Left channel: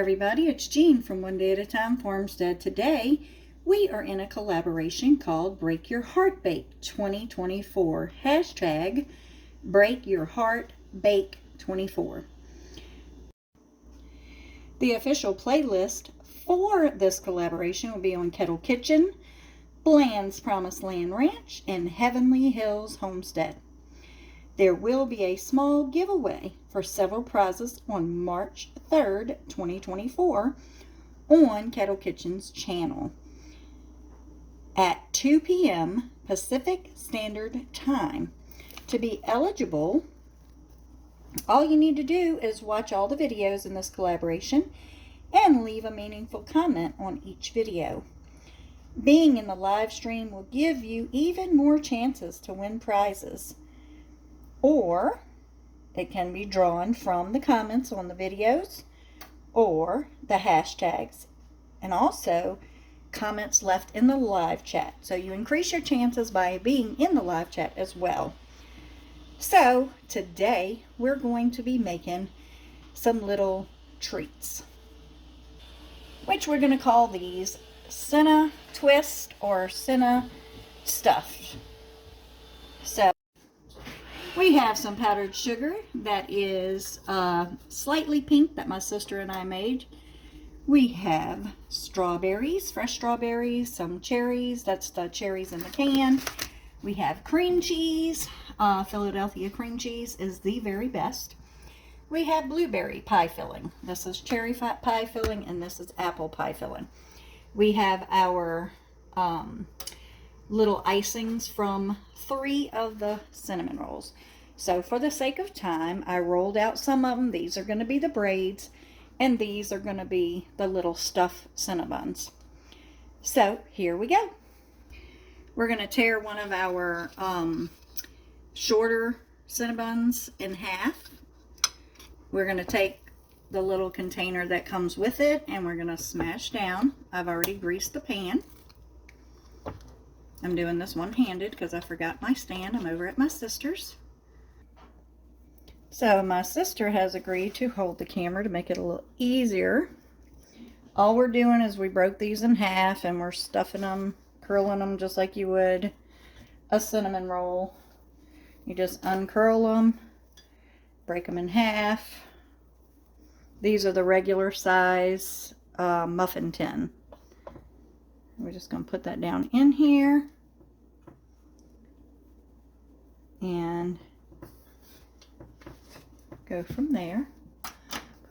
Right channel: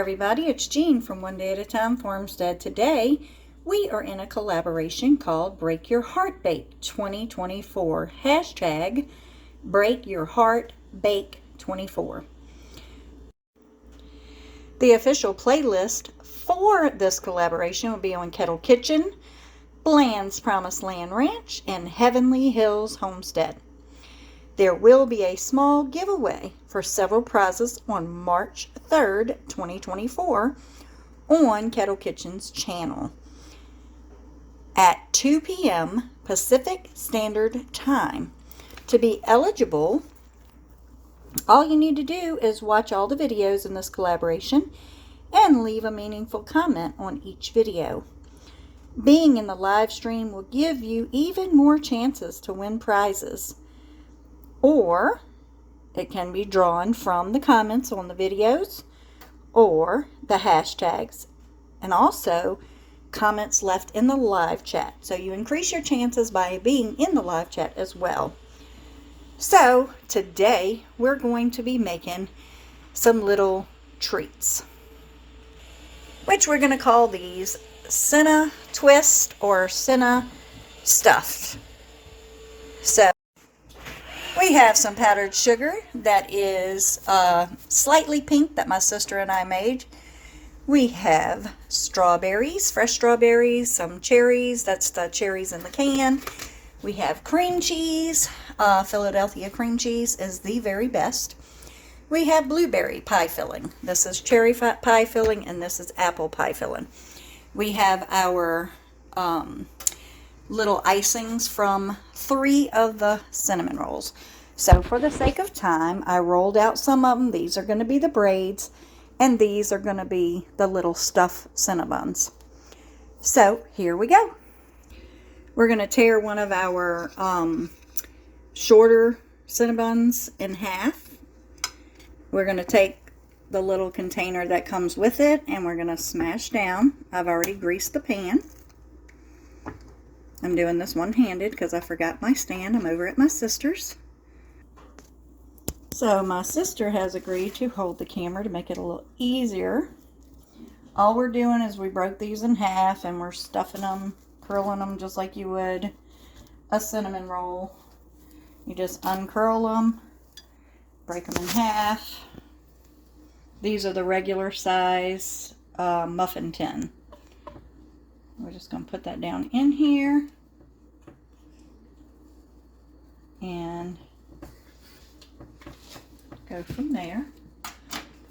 everybody, it's Jean from One Day at a Time Farmstead. Today we are in a collaboration called Break Your Heart Bake 2024. Hashtag Break Your Heart Bake 24. The official playlist for this collaboration will be on Kettle Kitchen, Bland's Promised Land Ranch, and Heavenly Hills Homestead. There will be a small giveaway for several prizes on March 3rd, 2024 on Kettle Kitchen's channel at 2 p.m. Pacific Standard Time. To be eligible, all you need to do is watch all the videos in this collaboration and leave a meaningful comment on each video. Being in the live stream will give you even more chances to win prizes. Or it can be drawn from the comments on the videos or the hashtags, and also comments left in the live chat. So you increase your chances by being in the live chat as well. So today we're going to be making some little treats, which we're going to call these Cinna Twist or Cinna Stuffed. So we have some powdered sugar that is slightly pink that my sister and I made. We have strawberries, fresh strawberries, some cherries. That's the cherries in the can. We have cream cheese. Philadelphia cream cheese is the very best. We have blueberry pie filling. This is cherry pie filling, and this is apple pie filling. We have our little icings from 3 of the cinnamon rolls. So for the sake of time, I rolled out some of them. These are going to be the braids, and these are going to be the little stuffed Cinna-buns. So here we go. We're going to tear one of our shorter Cinna-buns in half. We're going to take the little container that comes with it, and we're going to smash down. I've already greased the pan. I'm doing this one-handed because I forgot my stand. I'm over at my sister's. So my sister has agreed to hold the camera to make it a little easier. All we're doing is we broke these in half, and we're stuffing them, curling them just like you would a cinnamon roll. You just uncurl them, break them in half. These are the regular size muffin tin. We're just going to put that down in here and go from there.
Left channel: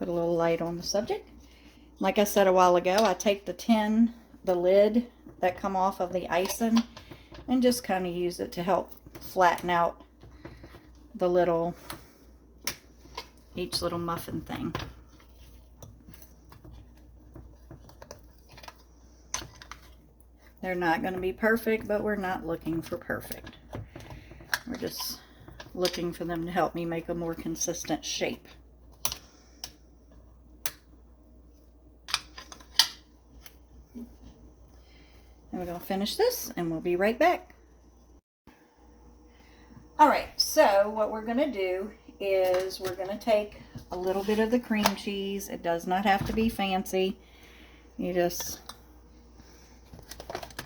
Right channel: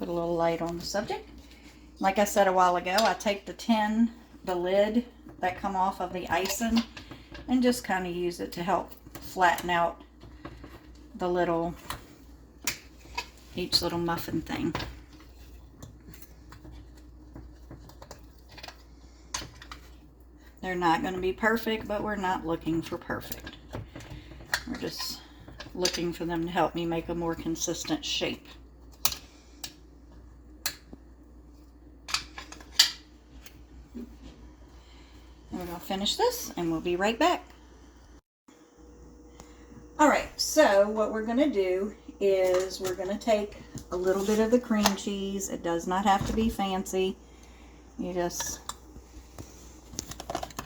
Put a little light on the subject. Like I said a while ago, I take the tin, the lid that come off of the icing, and just kind of use it to help flatten out the little, each little muffin thing. They're not going to be perfect, but we're not looking for perfect. We're just looking for them to help me make a more consistent shape. And we're going to finish this, and we'll be right back. Alright, so what we're going to do is we're going to take a little bit of the cream cheese. It does not have to be fancy. You just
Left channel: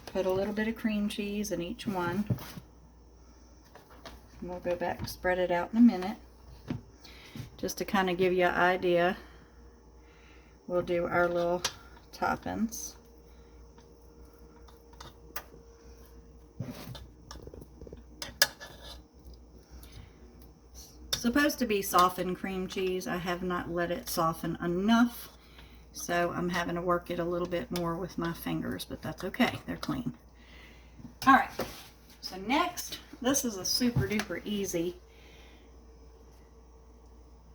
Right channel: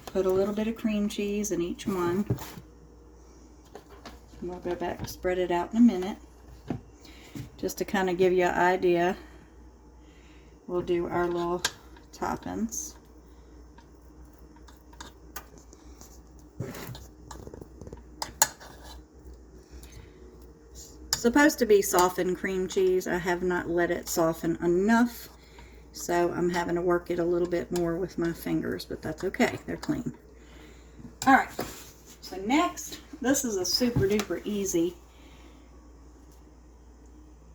put a little bit of cream cheese in each one. We'll go back and spread it out in a minute. Just to kind of give you an idea, we'll do our little toppings. Supposed to be softened cream cheese. I have not let it soften enough, so I'm having to work it a little bit more with my fingers, but that's okay. They're clean. All right, so next, this is a super duper easy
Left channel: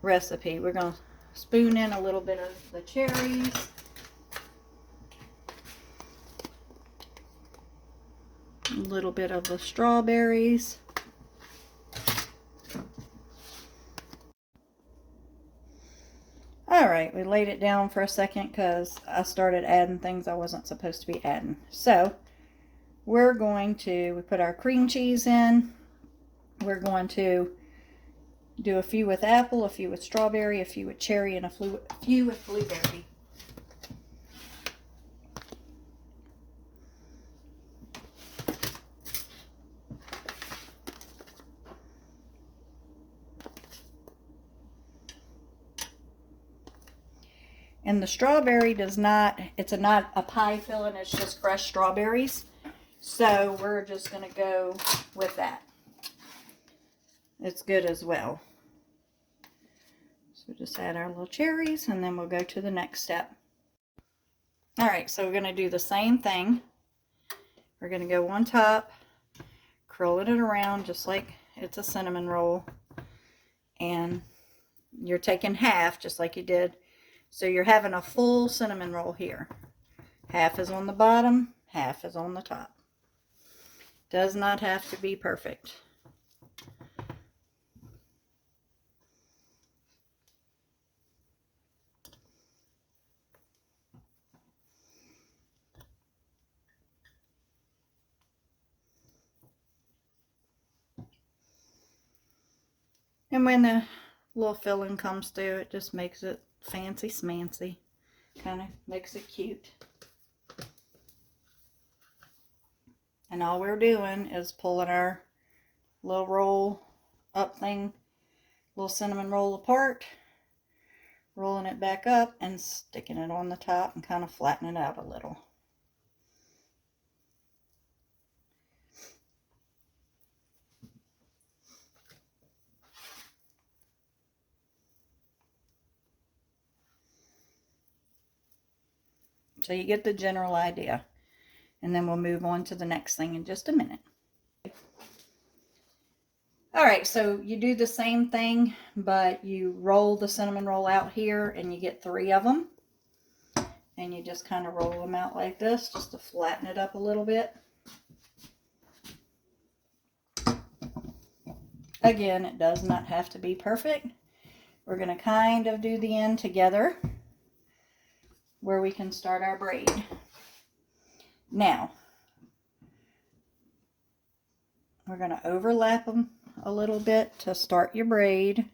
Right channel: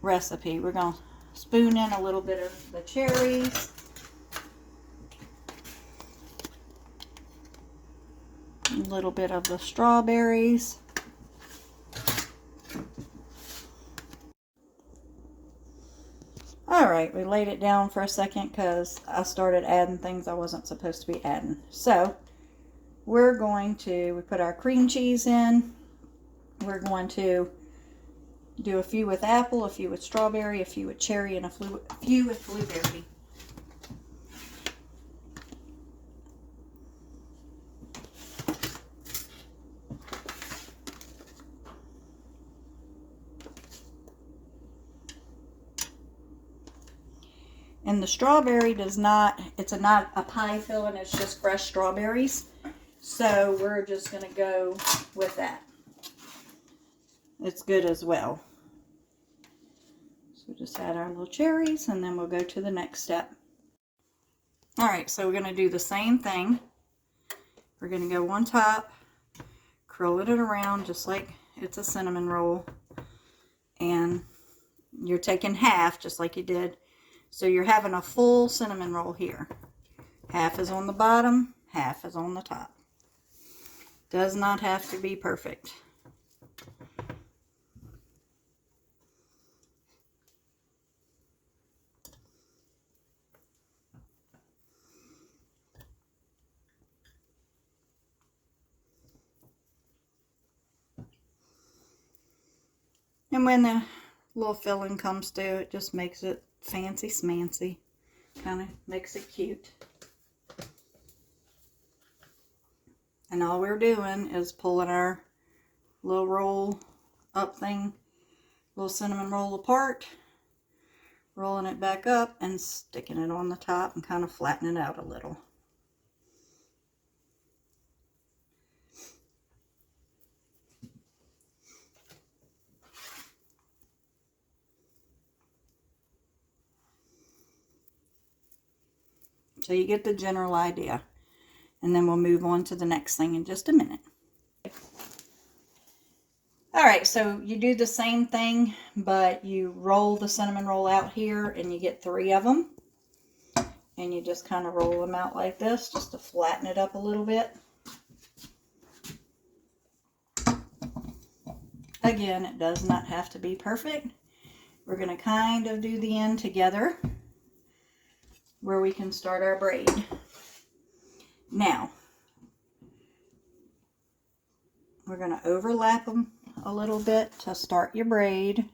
recipe. We're going to spoon in a little bit of the cherries, a little bit of the strawberries, Alright, we laid it down for a second because I started adding things I wasn't supposed to be adding. So, we're going to, we put our cream cheese in. We're going to do a few with apple, a few with strawberry, a few with cherry, and a few with blueberry. And the strawberry does not, it's not a pie filling, it's just fresh strawberries. So we're just going to go with that. It's good as well. So just add our little cherries and then we'll go to the next step. Alright, so we're going to do the same thing. We're going to go on top, curling it around just like it's a cinnamon roll. And you're taking half just like you did. So you're having a full cinnamon roll here. Half is on the bottom, half is on the top. Does not have to be perfect. And when the little filling comes through, it just makes it fancy smancy. Kind of makes it cute. And all we're doing is pulling our little roll up thing, little cinnamon roll apart, rolling it back up and sticking it on the top and kind of flattening it out a little. So you get the general idea. And then we'll move on to the next thing in just a minute. Alright, so you do the same thing, but you roll the cinnamon roll out here and you get 3 of them. And you just kind of roll them out like this, just to flatten it up a little bit. Again, it does not have to be perfect. We're going to kind of do the end together, where we can start our braid. Now, we're going to overlap them a little bit to start your braid.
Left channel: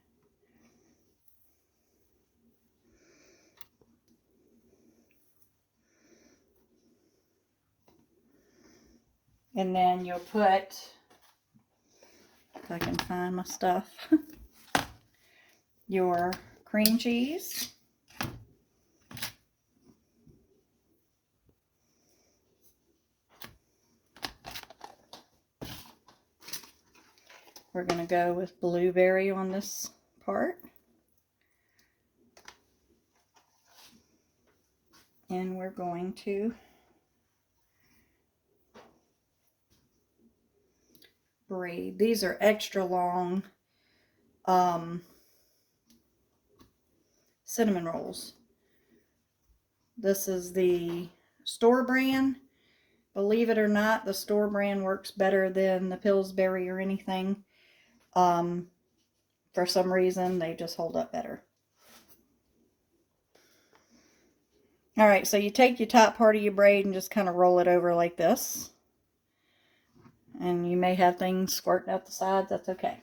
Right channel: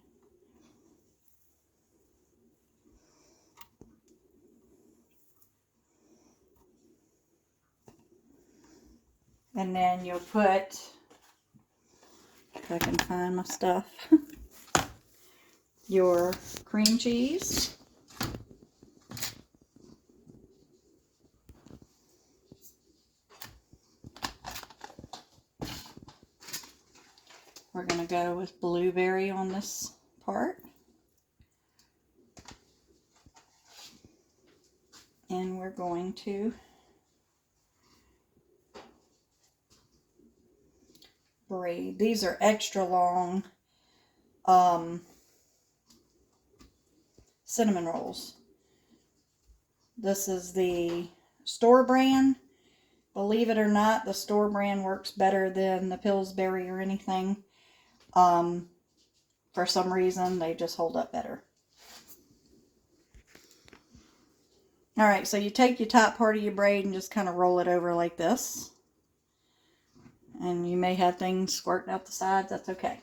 And then you'll put, if I can find my stuff, your cream cheese. We're going to go with blueberry on this part. And we're going to braid. These are extra long cinnamon rolls. This is the store brand. Believe it or not, the store brand works better than the Pillsbury or anything. For some reason, they just hold up better. Alright, so you take your top part of your braid and just kind of roll it over like this. And you may have things squirting out the sides, that's okay.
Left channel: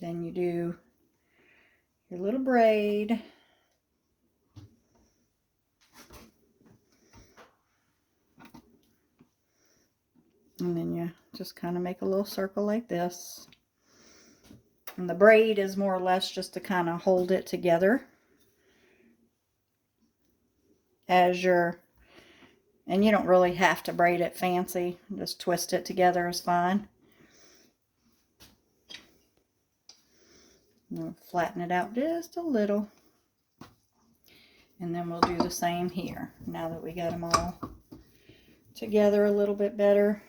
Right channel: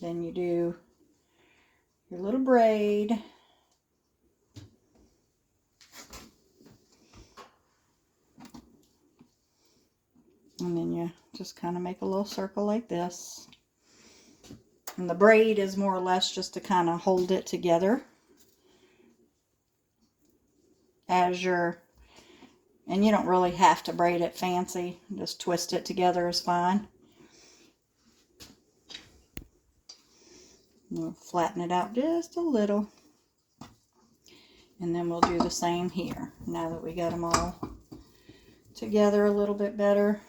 Then you do your little braid. And then you just kind of make a little circle like this. And the braid is more or less just to kind of hold it together as you're, and you don't really have to braid it fancy. Just twist it together is fine. We'll flatten it out just a little. And then we'll do the same here. Now that we got them all together a little bit better.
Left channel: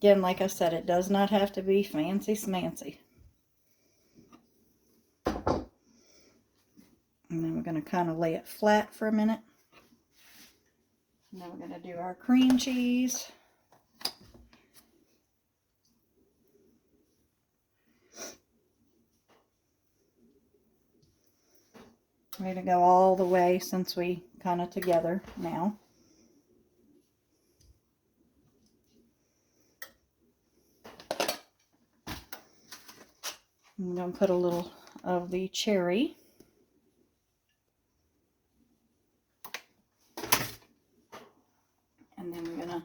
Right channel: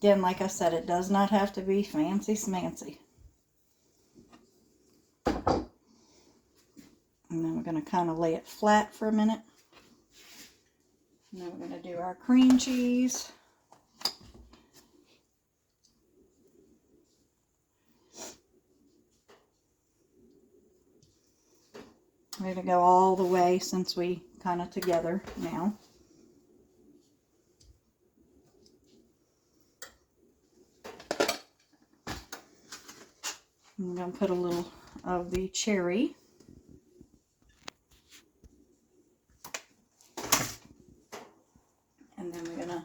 Again, like I said, it does not have to be fancy smancy. And then we're going to kind of lay it flat for a minute. And then we're going to do our cream cheese. We're going to go all the way since we kind of together now. I'm going to put a little of the cherry. And then we're going to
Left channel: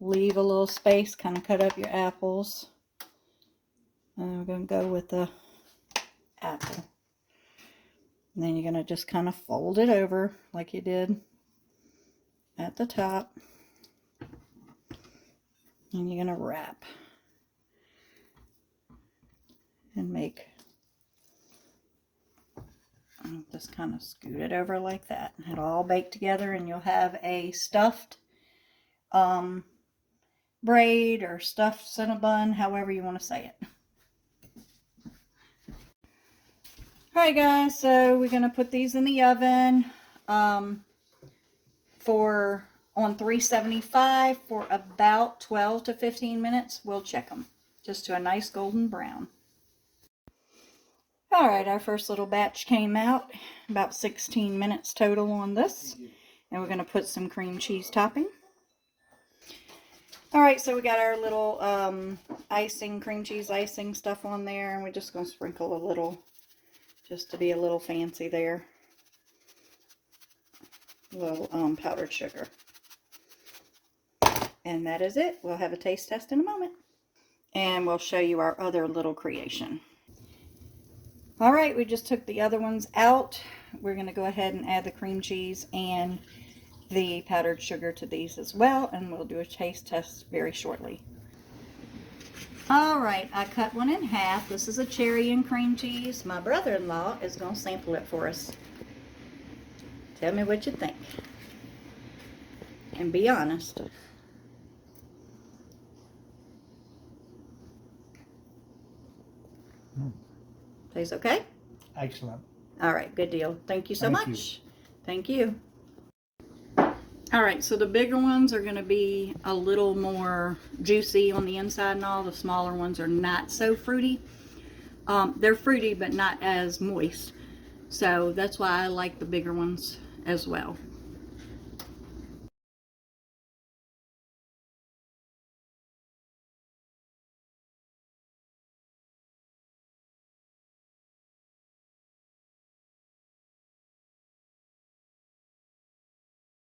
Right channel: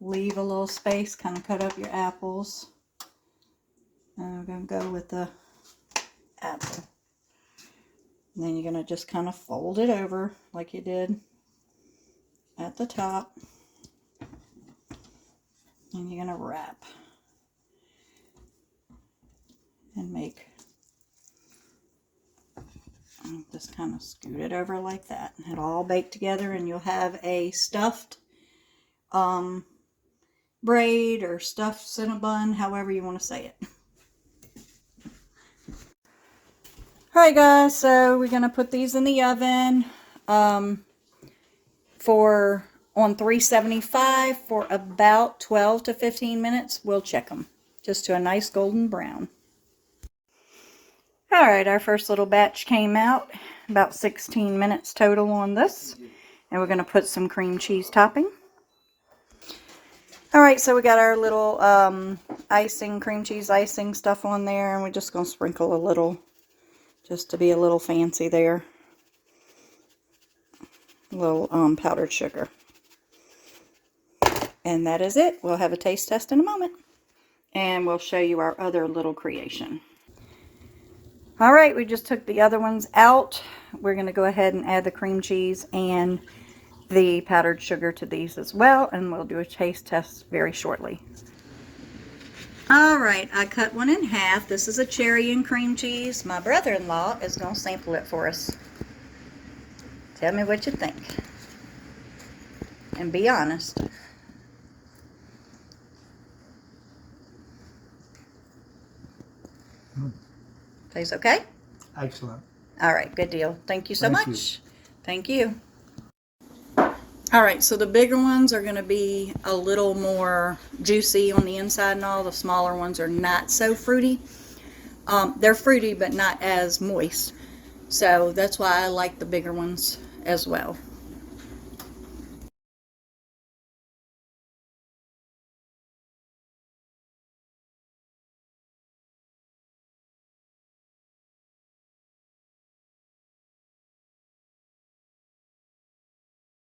leave a little space, kind of cut up your apples. And we're going to go with the apple. And then you're going to just kind of fold it over like you did at the top. And you're going to wrap and make, just kind of scoot it over like that. It'll all bake together and you'll have a stuffed braid or stuffed Cinnabun, however you want to say it. Alright guys, so we're going to put these in the oven on 375 for about 12 to 15 minutes. We'll check them just to a nice golden brown. Alright, our first little batch came out, about 16 minutes total on this. And we're going to put some cream cheese topping. Alright, so we got our little icing, cream cheese icing stuff on there. And we're just going to sprinkle a little, just to be a little fancy there. A little powdered sugar. And that is it. We'll have a taste test in a moment. And we'll show you our other little creation. Alright, we just took the other ones out. We're going to go ahead and add the cream cheese and the powdered sugar to these as well. And we'll do a taste test very shortly. Alright, I cut one in half. This is a cherry and cream cheese. My brother-in-law is going to sample it for us. Tell me what you think. And be honest. Tastes okay? Excellent. All right, good deal. Thank you so Thank much. you. Thank you. All right, so the bigger ones are going to be a little more juicy on the inside and all. The smaller ones are not so fruity. They're fruity, but not as moist. So that's why I like the bigger ones as well.